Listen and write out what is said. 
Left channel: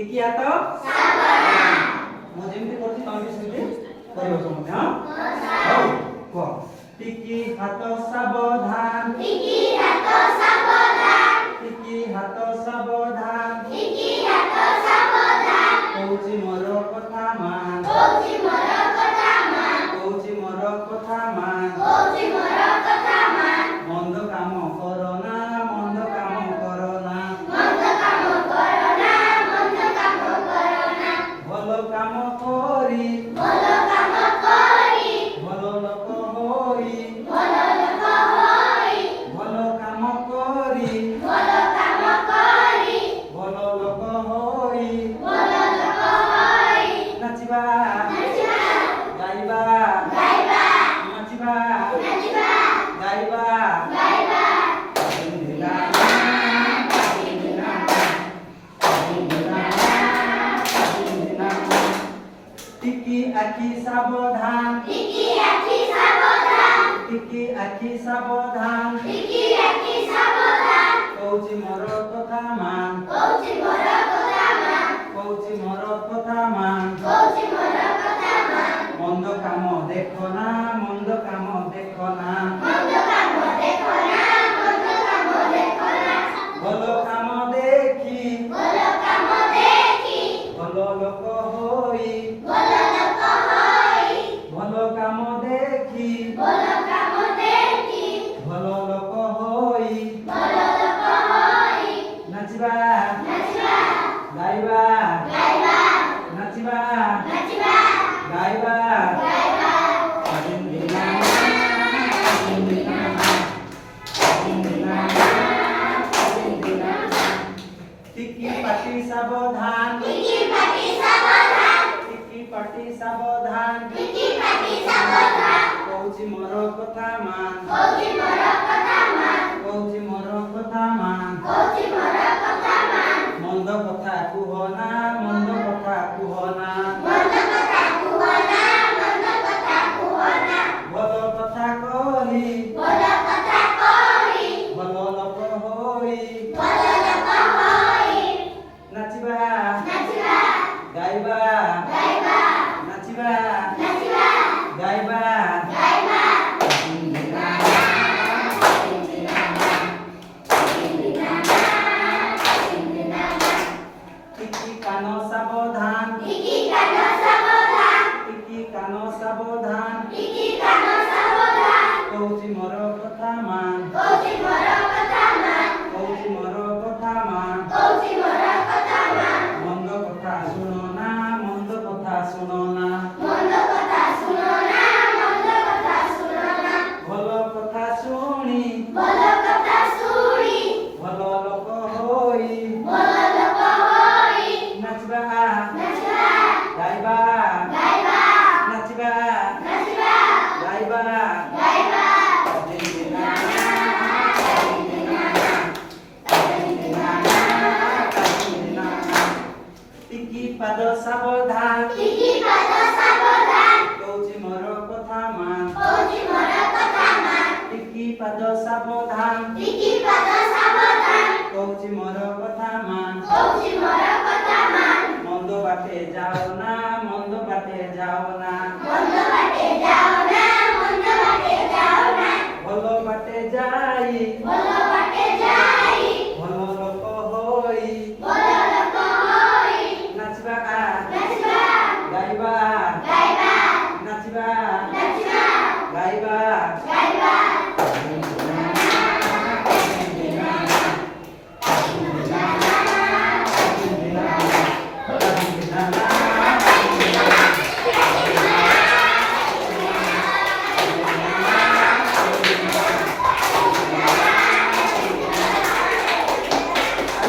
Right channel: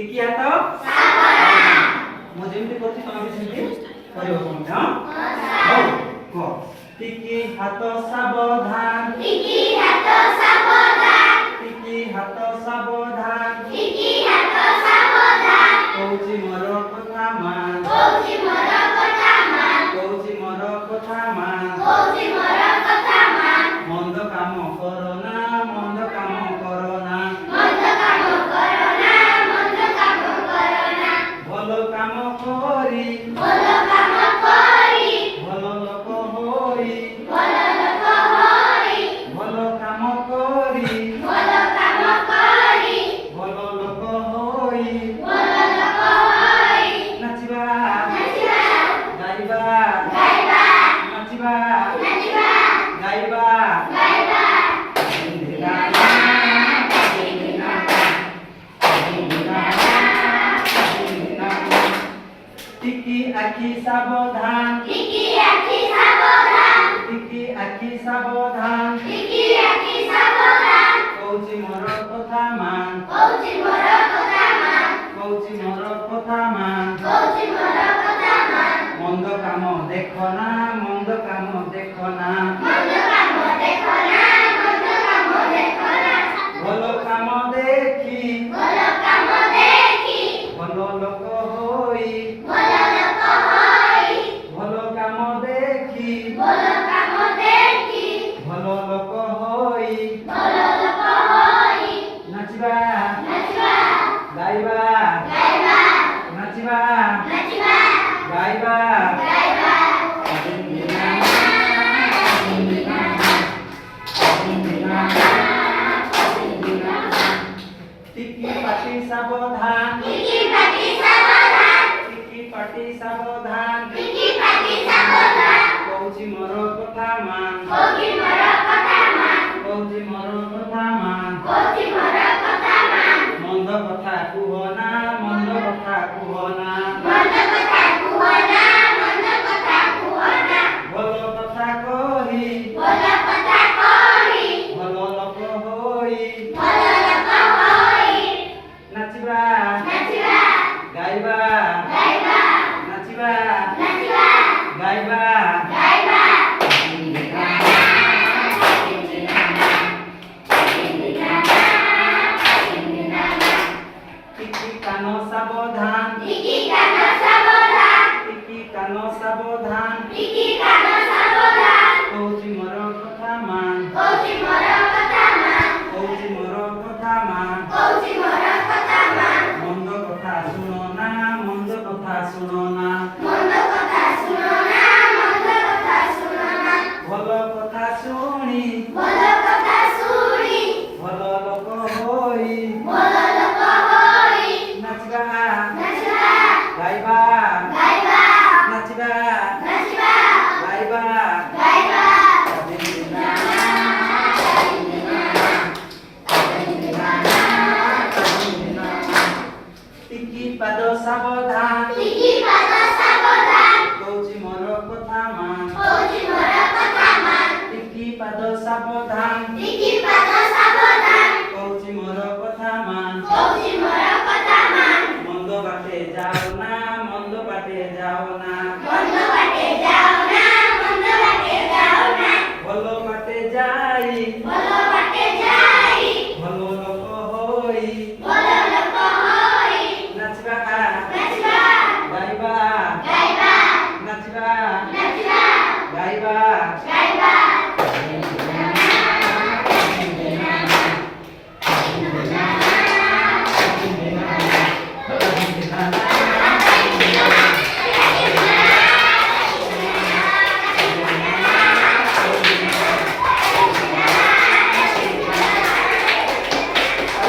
ଟିକି ହାତ ସାବଧାନ। ମୁଁ ଯେମିତି କରୁଛି ତମେ ବି ସେମିତି କରିବ ସମସ୍ତେ। ହଁ ହଉ କହ। ଟିକି ହାତ ସାବଧାନ। ଟିକି ହାତ ସାବଧାନ। ଟିକି ହାତ ସାବଧାନ। ଟିକି ହାତ ସାବଧାନ। କହୁଛି ମୋର କଥା ମାନ। କହୁଛି ମୋର କଥା ମାନ। କହୁଛି ମୋର କଥା ମାନ। କହୁଛି ମୋର କଥା ମାନ। ମନ୍ଦ କାମ କରନା ମନ୍ଦ କାମ କରନା। ମନ୍ଦ କାମ କରନା ମନ୍ଦ କାମ କରନା। ଭଲ କାମ କରି ଭଲ କାମ କରି ଭଲ ଲୋକ ହୋଇ ଭଲ ଲୋକ ହୋଇ ଭଲ କାମ କରି ଭଲ କାମ କରି ଭଲ ଲୋକ ହୋଇ ଭଲ ଲୋକ ହୋଇ ନାଚିବା ନାଚିବା ଗାଇବା ଗାଇବା ନାଚିବା ନାଚିବା ଗାଇବା ଗାଇବା ଟିକି ଆଖି ସାବଧାନ। ଟିକି ଆଖି ସାବଧାନ। ଟିକି ଆଖି ସାବଧାନ। ଟିକି ଆଖି ସାବଧାନ। କହୁଛି ମୋର କଥା ମାନ। କହୁଛି ମୋର କଥା ମାନ। କହୁଛି ମୋର କଥା ମାନ। କହୁଛି ମୋର କଥା ମାନ। ମନ୍ଦ କାମ ଦେଖନା ମନ୍ଦ କାମ ଦେଖନା। ମନ୍ଦ କାମ ଦେଖନା ମନ୍ଦ କାମ ଦେଖନା। ଭଲ କାମ ଦେଖି ଭଲ କାମ ଦେଖି ଭଲ ଲୋକ ହୋଇ ଭଲ ଲୋକ ହୋଇ ଭଲ କାମ ଦେଖି ଭଲ କାମ ଦେଖି ଭଲ ଲୋକ ହୋଇ ଭଲ ଲୋକ ହୋଇ ନାଚିବା ନାଚିବା ଗାଇବା ଗାଇବା ନାଚିବା ନାଚିବା ଗାଇବା ଗାଇବା ଟିକି ପାଟି ସାବଧାନ। ଟିକି ପାଟି ସାବଧାନ। ଟିକି ପାଟି ସାବଧାନ। ଟିକି ପାଟି ସାବଧାନ। କହୁଛି ମୋର କଥା ମାନ। କହୁଛି ମୋର କଥା ମାନ। କହୁଛି ମୋର କଥା ମାନ। କହୁଛି ମୋର କଥା ମାନ। ମନ୍ଦ କଥା କୁହନା ମନ୍ଦ କଥା କୁହନା। ମନ୍ଦ କଥା କୁହନା ମନ୍ଦ କଥା କୁହନା। ଭଲ କଥା କହି ଭଲ କଥା କହି ଭଲ ଲୋକ ହୋଇ ଭଲ ଲୋକ ହୋଇ ନାଚିବା ନାଚିବା ଗାଇବା ଗାଇବା ନାଚିବା ନାଚିବା ଗାଇବା ଗାଇବା ଟିକି କାନ ସାବଧାନ। ଟିକି କାନ ସାବଧାନ। ଟିକି କାନ ସାବଧାନ। ଟିକି କାନ ସାବଧାନ। କହୁଛି ମୋର କଥା ମାନ। କହୁଛି ମୋର କଥା ମାନ। କହୁଛି ମୋର କଥା ମାନ। କହୁଛି ମୋର କଥା ମାନ। ମନ୍ଦ କଥା ଶୁଣନା ମନ୍ଦ କଥା ଶୁଣନା। ମନ୍ଦ କଥା ଶୁଣନା ମନ୍ଦ କଥା ଶୁଣନା। ଭଲ କଥା ଶୁଣି ଭଲ କଥା ଶୁଣି ଭଲ ଲୋକ ହୋଇ ଭଲ ଲୋକ ହୋଇ ନାଚିବା ନାଚିବା ଗାଇବା ଗାଇବା ନାଚିବା ନାଚିବା ଗାଇବା ଗାଇବା ଟିକି ପାଦ ସାବଧାନ। ଟିକି ପାଦ ସାବଧାନ। କହୁଛି ମୋର କଥା ମାନ। କହୁଛି ମୋର କଥା ମାନ। ଟିକି ପାଦ ସାବଧାନ। ଟିକି ପାଦ